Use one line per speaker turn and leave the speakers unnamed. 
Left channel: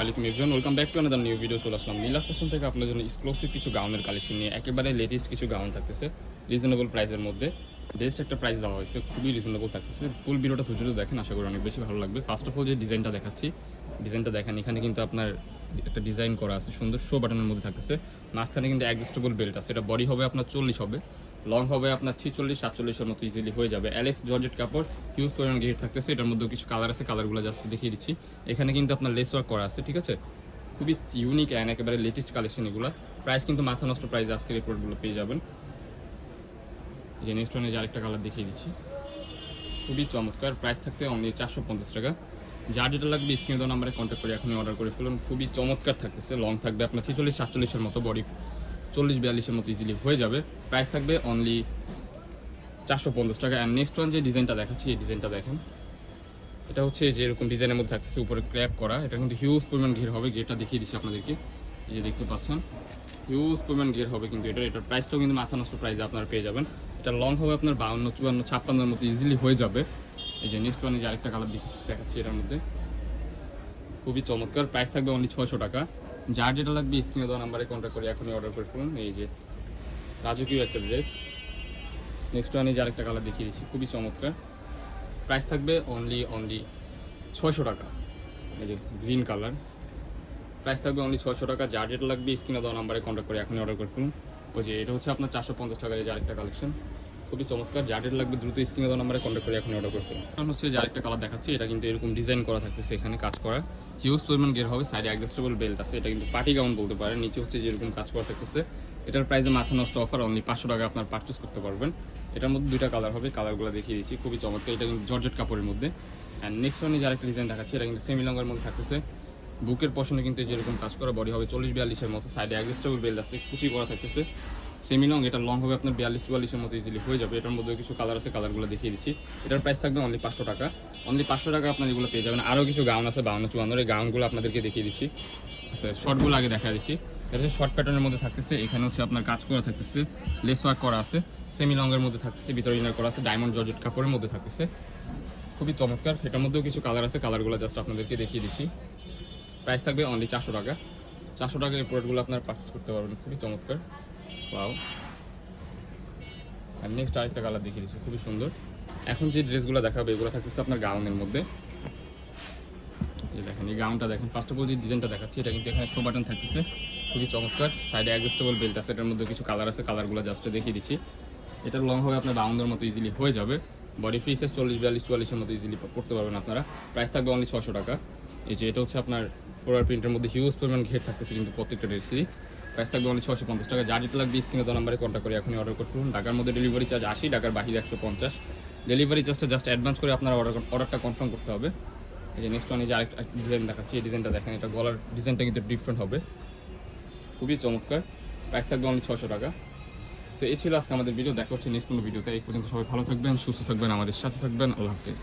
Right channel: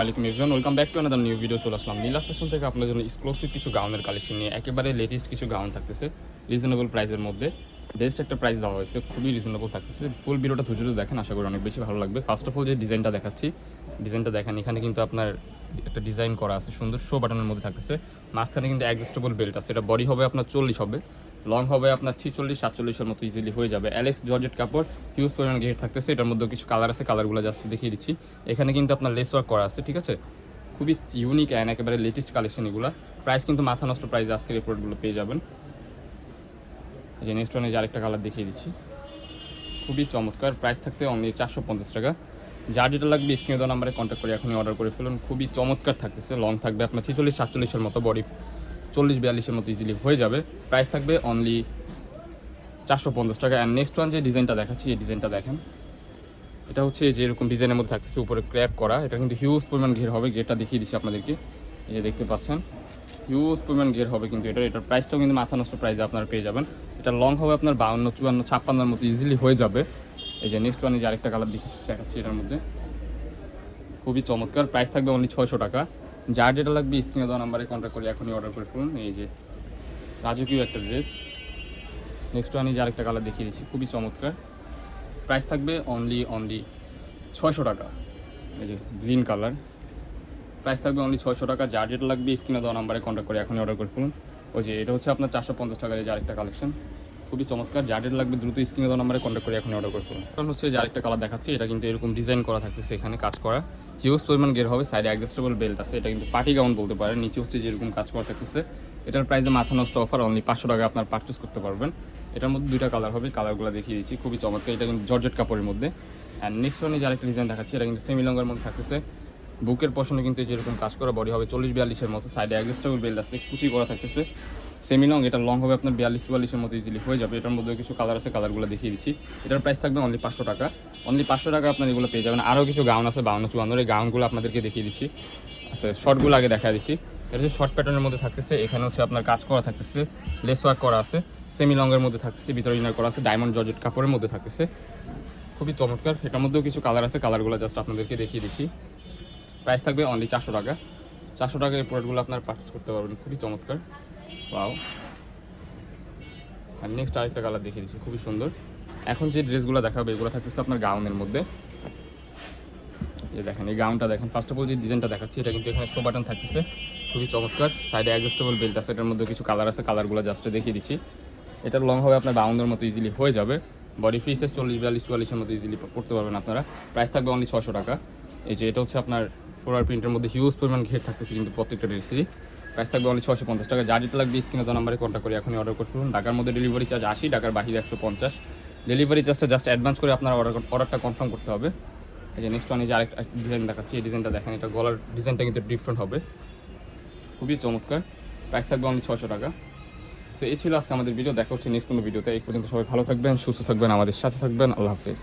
ওয়ালাইকুম welcome back to another new video চলে আসলাম নীলা ফ্যাশন থেকে। আপনাদের জন্য এক্সক্লুসিভ কিছু গাউনের কালেকশন নিয়ে। একেবারে লেটেস্ট কিছু গাউন থাকতেছে। রিজনেবল প্রাইসের মধ্যে। বেস্ট একটা প্রাইস দেওয়া হয়েছে, খুবই রিজনেবল থাকতেছে ফুল ভিডিওটা ধৈর্য ধরে দেখেন, আশা করি অনেক বেশি ভালো লাগবে। ফার্স্ট অফ অল যে ডিজাইনটা দেখাচ্ছি ডিজাইনটা দেখেন, এখানে কিন্তু আপনার একটা ডিজাইন করা আছে, সুন্দর শো বাটনের মধ্যে থাকতেছে। মাঝখানে কিন্তু অ্যাডজাস্টেবল বেল্ট আছে, এটা বডি হবে আপনার চল্লিশ হবে লং হবে আপনার ছিচল্লিশ সাতচল্লিশের মতো ইজিলি হয়ে যাবে। অ্যালেক্স জর্জেট কাপড় হিউজ পরিমাণ গেট থাকতেছে, এটার মধ্যে কিছু কালার আছে কালারগুলো জাস্ট দেখিয়ে দিচ্ছি। এখানে কিন্তু আপনার লেস ওয়ার্ক করা আছে, ঠিক আছে? খুবই ইউনিক অ্যান্ড একেবারে লেটেস্ট কালেকশন এগুলো। প্রাইস কিন্তু মাথা নষ্ট প্রাইস আজকের এই প্রোডাক্টগুলো পেয়ে যাবেন। যে নেক্সট ওয়ানে যে আরেকটা কালার দেখিয়ে দিচ্ছি। খুবই চমৎকার। প্রাইস থাকতে অনলি চারশো পঞ্চাশ টাকা। যার যেটা লাগবে স্ক্রিনে নাম্বারে কন্ট্যাক্ট করে এখনই অর্ডার করে ফেলুন। খুবই চমৎকার থাকতেছে। লং থাকবে আপনার ছেচল্লিশ সাতচল্লিশের মতো বডি চল্লিশ বিয়াল্লিশের মতো ইজিলি হয়ে যাবে। প্রাইস থাকবে অনলি চারশো পঞ্চাশ টাকা। অ্যান্ড নেক্সট ওয়ান যে ডিজাইনটা দেখাচ্ছি, এই ডিজাইনটা দেখেন। এটা হচ্ছে যে এরকম ডিজাইনের মধ্যে থাকতেছে, উপরে ক্র্যাপ করা। এটা কিন্তু হিউজ পরিমাণ ঘের হবে। গেটটা দেখিয়ে দিচ্ছি আপনাদেরকে। যে দেখতে পাচ্ছেন। হিউজ পরিমাণ গের হবে কিন্তু এটা এটার প্রাইসটাও কিন্তু মাথা নষ্ট প্রাইসে আপনারা পেয়ে যাবেন। এটা লং হবে আপনার বাউন্ন, চুয়ান্ন, ছাপ্পান্নর মতো ইজিলি হয়ে যাবে। এই যে নেক্সট ওয়ানে যে আরেকটা কালার দেখাচ্ছি এটার মধ্যে। খুবই চমৎকার প্রাইস থাকবে অনলি ছয়শো টাকা। যার যেটা লাগবে স্ক্রিনে দেওয়া নাম্বারে কন্ট্যাক্ট করে এখনই অর্ডার করে ফেলুন। এই যে রাজকীয় একটা ড্রেস নেক্সট ওয়ানে যে আরেকটা কালার দেখিয়ে দিচ্ছি, খুবই চমৎকার। প্রাইস থাকবে অনলি অনলি ছয়শো টাকা। এই যে গ্রিন কালার প্রাইস থাকবে অনলি ছয়শো টাকা। যার যেটা লাগবে স্ক্রিনে দেওয়া নাম্বারে কন্ট্যাক্ট করে এখনই অর্ডার করে ফেলুন। ওই যে এটা হচ্ছে আপনার চারশো পঞ্চাশ টাকার যে আরেকটা কালেকশন খুবই চমৎকার। যার যেটা লাগবে দ্রুত স্ক্রিনে দেওয়া নাম্বারে কন্ট্যাক্ট করে এখনই অর্ডার করে ফেলুন। কারণ হচ্ছে যে আরেকটা কালার দেখাচ্ছি। এটা কিন্তু এরকম ডিজাইন করা থাকতেছে এখানে কাজ করা। হিউজ পরিমাণ গের হবে সাইডে অ্যাডজাস্টেবল বেল্ট আছে। এটা কিন্তু পার্টি গাউন বলতে পারেন। নিচে হচ্ছে যেরকম কাজ করা থাকতেছে। এটার প্রাইসে মাথা নষ্ট অফার অনলি পাঁচশো টাকা আপনার পারচেস করতে পারবেন। এটার মধ্যে দুইটা কালার হবে। কালারগুলো দেখিয়ে দিচ্ছি। খুবই চমৎকার। এটা কিন্তু জর্জেট কাপড়ের মধ্যে। অ্যান্ড নেক্সট ওয়ানে যে আরেকটা ডিজাইন দেখাচ্ছি, এটা কিন্তু সেমি লঙ্গার মধ্যে থাকতেছে। বুকের পশনে কিন্তু যেরকম কাজ করা বডি হবে চল্লিশ বিয়াল্লিশের মতো সাইডে অ্যাডজাস্টেবল বেল্ট আছে, কুচি করা থাকতেছে। সেমি লং এটা লং হবে আপনার বিয়াল্লিশ চুয়াল্লিশের মতো ইজিলি হয়ে যাবে। এটার মধ্যে কিছু কালার আছে কালারগুলো দেখিয়ে দিচ্ছি। এটার প্রাইস থাকবে অনলি পাঁচশো টাকা। অনলি পাঁচশো টাকা আপনার এগুলো পেয়ে যাবেন। আরও কিছু গাউন আছে বাউন্ন চুয়ান্ন এই গাউনগুলো আপনাদেরকে দেখিয়ে দিচ্ছি। আচ্ছা শর্টগুলো আগে দেখা দিচ্ছি। এটা হচ্ছে শর্ট প্যাটার্নের মধ্যে থাকতেছে। এখানে হচ্ছে আপনার কাজ করা থাকতেছে। লেস ওয়ার্ক করা আছে। সেমি লংয়ের মধ্যে থাকতেছে। ভিতরে ইনার করা আছে। ডায়মন্ড জর্জেট কাপড়ের মধ্যে থাকতেছে। খুবই চমৎকার। এটার মধ্যেও কিছু কালার আছে। কালারগুলো জাস্ট আপনাদেরকে দেখিয়ে দিচ্ছি। প্রাইস থাকবে অনলি চারশো টাকা। চারশো টাকা এই প্রোডাক্টগুলো আপনারা পারচেস করতে পারবেন। খুবই চমৎকার। পাও আর নেক্সট আরেকটা কালার দেখিয়ে দিচ্ছি, খুবই সুন্দর। এখন যে ড্রেসগুলো দেখাবে, এগুলো থাকতেছে আপনার গাউনের মধ্যে। দেখেন, এই গাউনটা দেখেন। ফার্স্ট অফ অল যে ডিজাইনটা দেখাচ্ছি, এটা কিন্তু এখানে শো বাটন থাকতেছে। খুবই চমৎকার। সাইডে অ্যাডজাস্টেবল বেল্ট আছে, এটার মধ্যে কিছু কালার আছে। কালারগুলো জাস্ট দেখিয়ে দিচ্ছি। এটা লং হবে আপনার বাউন্ডের মতো ইজিলি হয়ে যাবে। বডি ফিসেস চল্লিশ, বিয়াল্লিশ, চুয়াল্লিশের মতো ইজিলি করতে পারবেন আপনারা। প্রাইস থাকবে অনলি ছশো টাকা। এই যে এটা হচ্ছে আপনার ফ্লোরার প্রিন্টের মধ্যে হিউজ পরিমাণ ঘের থাকতেছে কিন্তু প্রত্যেকটা ড্রেসেরই প্রাইস থাকবে অনলি ছশো পঞ্চাশ টাকা। যা যেটা লাগবে স্ক্রিনে তো নাম্বারে কন্ট্যাক্ট করে এখনই অর্ডার করে ফেলুন ঢাকার মধ্যে ডেলিভারি চার্জ আশি, ঢাকার বাহিরে একশো পঞ্চাশ। ডেলিভারি চার্জটা জাস্ট অ্যাডভান্স করে আপনার অর্ডার অর্ডারটা কনফার্ম করতে হবে। এই যে নেক্সট ওয়ান এই যে আরেকটা ডিজাইন দেখাচ্ছি, এই ডিজাইনটা দেখেন, এটা গলার ডিজাইনটা কিন্তু ডিফারেন্ট হবে। খুবই চমৎকার। প্রাইস থাকবে অনলি ছশো টাকা। সো এই ছিল আজকে আমাদের ভিডিও দেখা হচ্ছে নেক্সট কোনো ভিডিওতে এই পর্যন্ত সবাই ভালো থাকবেন, সুস্থ থাকবেন, আমাদের সাথে থাকবেন। আল্লাহ হাফিজ।